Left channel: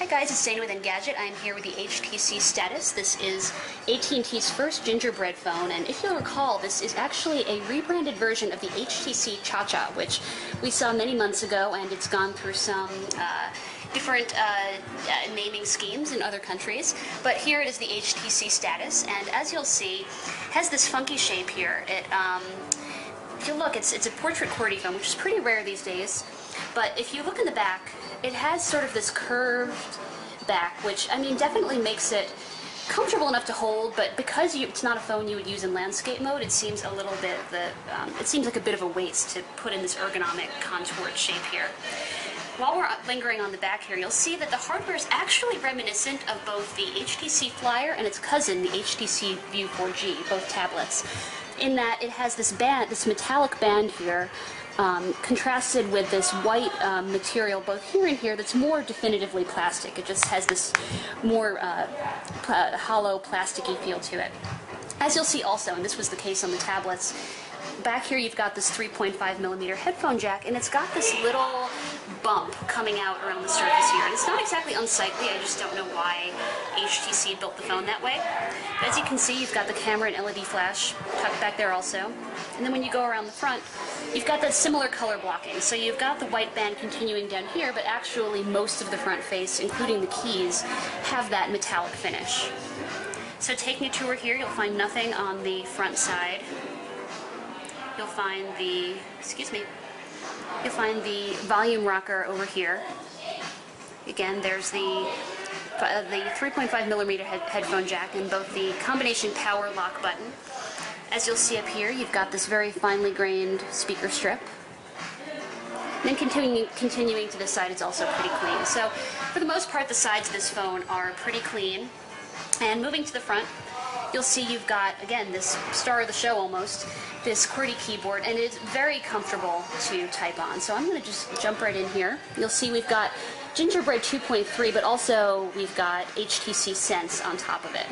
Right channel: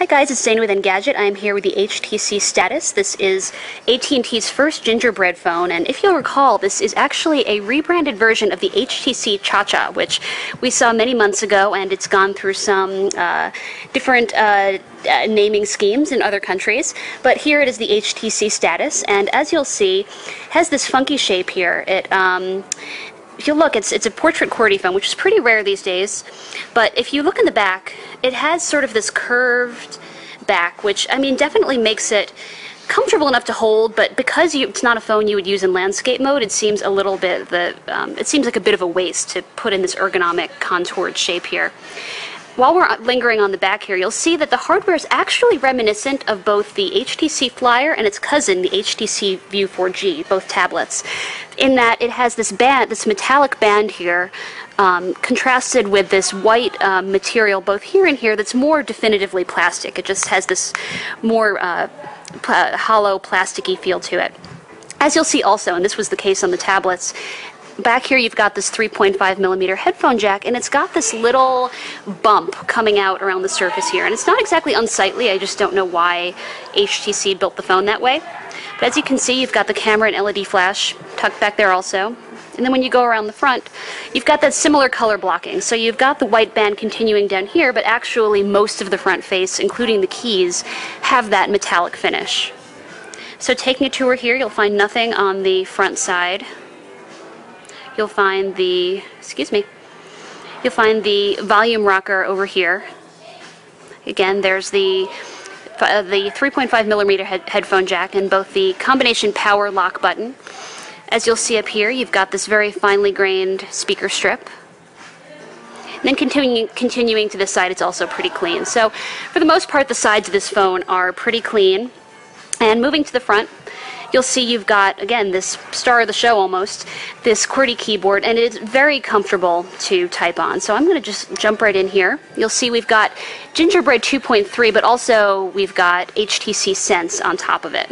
Hi guys, it's Dana with Engadget. I'm here with the HTC Status. This is AT&T's first gingerbread phone, and if you'll recall, this is actually a rebranded version of the HTC Cha-Cha, which we saw many months ago, and it's gone through some different naming schemes in other countries. But here it is the HTC Status, and as you'll see, has this funky shape here. If you look, it's a portrait QWERTY phone, which is pretty rare these days. But if you look in the back, it has sort of this curved back, which, I mean, definitely makes it comfortable enough to hold, but because it's not a phone you would use in landscape mode, it seems a little bit, it seems like a bit of a waste to put in this ergonomic contoured shape here. While we're lingering on the back here, you'll see that the hardware is actually reminiscent of both the HTC Flyer and its cousin, the HTC View 4G, both tablets, in that it has this band, this metallic band here, contrasted with this white material both here and here that's more definitively plastic. It just has this more hollow, plasticky feel to it. As you'll see also, and this was the case on the tablets, back here you've got this 3.5mm headphone jack, and it's got this little bump coming out around the surface here. And it's not exactly unsightly, I just don't know why HTC built the phone that way. But as you can see, you've got the camera and LED flash tucked back there also. And then when you go around the front, you've got that similar color blocking. So you've got the white band continuing down here, but actually most of the front face, including the keys, have that metallic finish. So taking a tour here, you'll find nothing on the front side. You'll find the, you'll find the volume rocker over here. Again, there's the 3.5mm headphone jack and both the combination power lock button. As you'll see up here, you've got this very finely grained speaker strip. And then continuing to this side, it's also pretty clean. So for the most part, the sides of this phone are pretty clean. And moving to the front, you'll see you've got, again, this star of the show almost, this QWERTY keyboard, and it's very comfortable to type on. So I'm going to just jump right in here. You'll see we've got Gingerbread 2.3, but also we've got HTC Sense on top of it.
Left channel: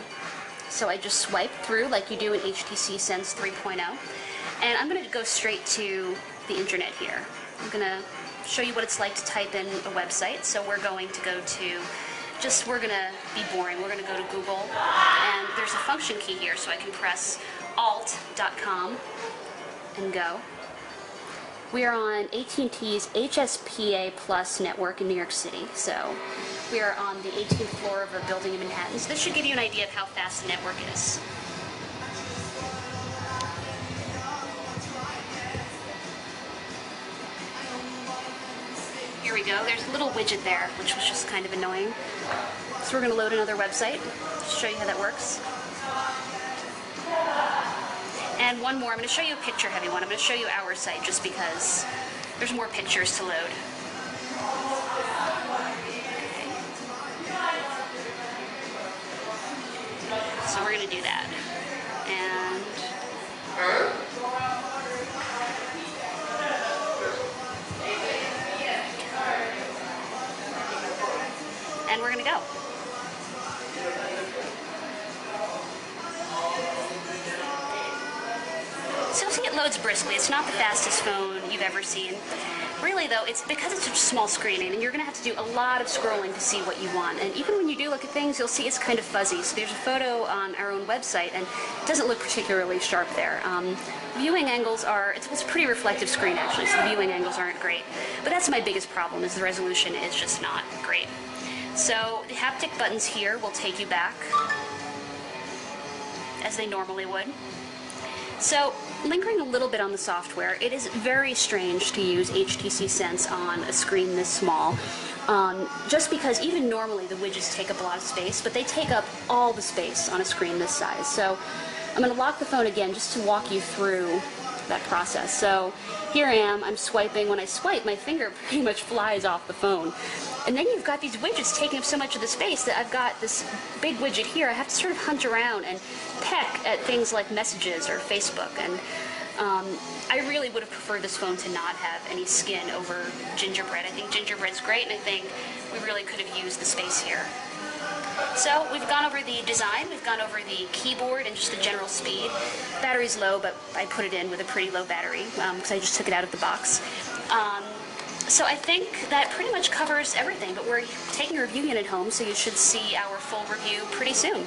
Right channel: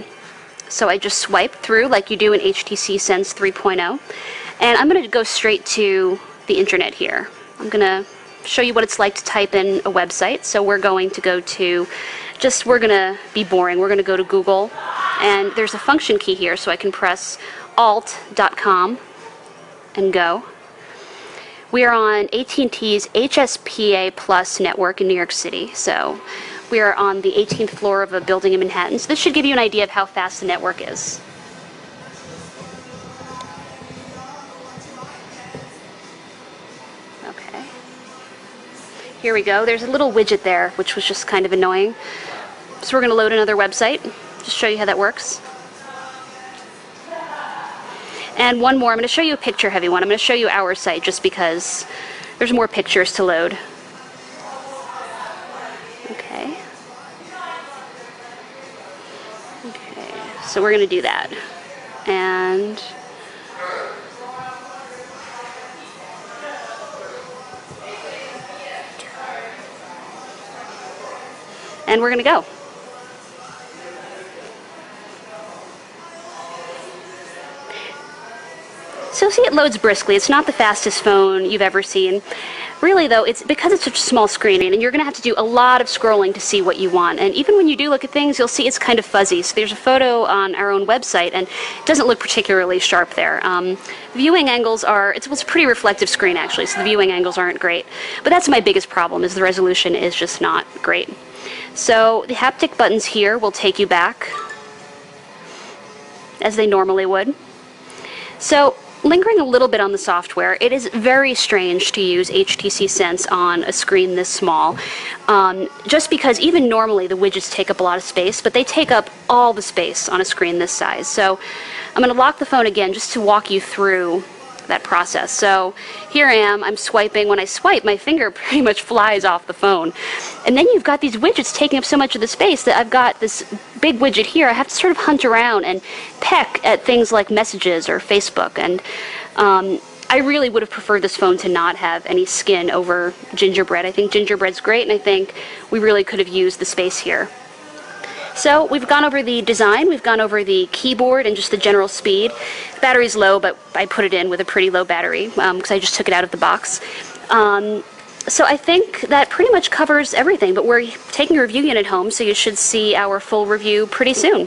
So I just swipe through like you do in HTC Sense 3.0, and I'm going to go straight to the internet here. I'm going to show you what it's like to type in a website. So we're going to go to, we're going to be boring, we're going to go to Google, and there's a function key here, so I can press alt.com and go. We are on AT&T's HSPA Plus network in New York City, so we are on the 18th floor of a building in Manhattan. So this should give you an idea of how fast the network is. Okay. Here we go. There's a little widget there, which was just kind of annoying. So we're going to load another website, just show you how that works. And one more. I'm going to show you a picture-heavy one. I'm going to show you our site just because there's more pictures to load. So we're going to do that. And we're going to go. So see, it loads briskly. It's not the fastest phone you've ever seen. Really, though, it's because it's such a small screen, and you're going to have to do a lot of scrolling to see what you want. And even when you do look at things, you'll see it's kind of fuzzy. So there's a photo on our own website, and it doesn't look particularly sharp there. Viewing angles are, it's a pretty reflective screen, actually, so the viewing angles aren't great. But that's my biggest problem, is the resolution is just not great. So the haptic buttons here will take you back, as they normally would. So lingering a little bit on the software, it is very strange to use HTC Sense on a screen this small, just because even normally the widgets take up a lot of space, but they take up all the space on a screen this size. So I'm going to lock the phone again just to walk you through that process. So here I am, I'm swiping. When I swipe, my finger pretty much flies off the phone. And then you've got these widgets taking up so much of the space that I've got this big widget here. I have to sort of hunt around and peck at things like messages or Facebook. And I really would have preferred this phone to not have any skin over Gingerbread. I think Gingerbread's great, and I think we really could have used the space here. So we've gone over the design, we've gone over the keyboard and just the general speed. The battery's low, but I put it in with a pretty low battery because I just took it out of the box. So I think that pretty much covers everything, but we're taking a review unit home, so you should see our full review pretty soon.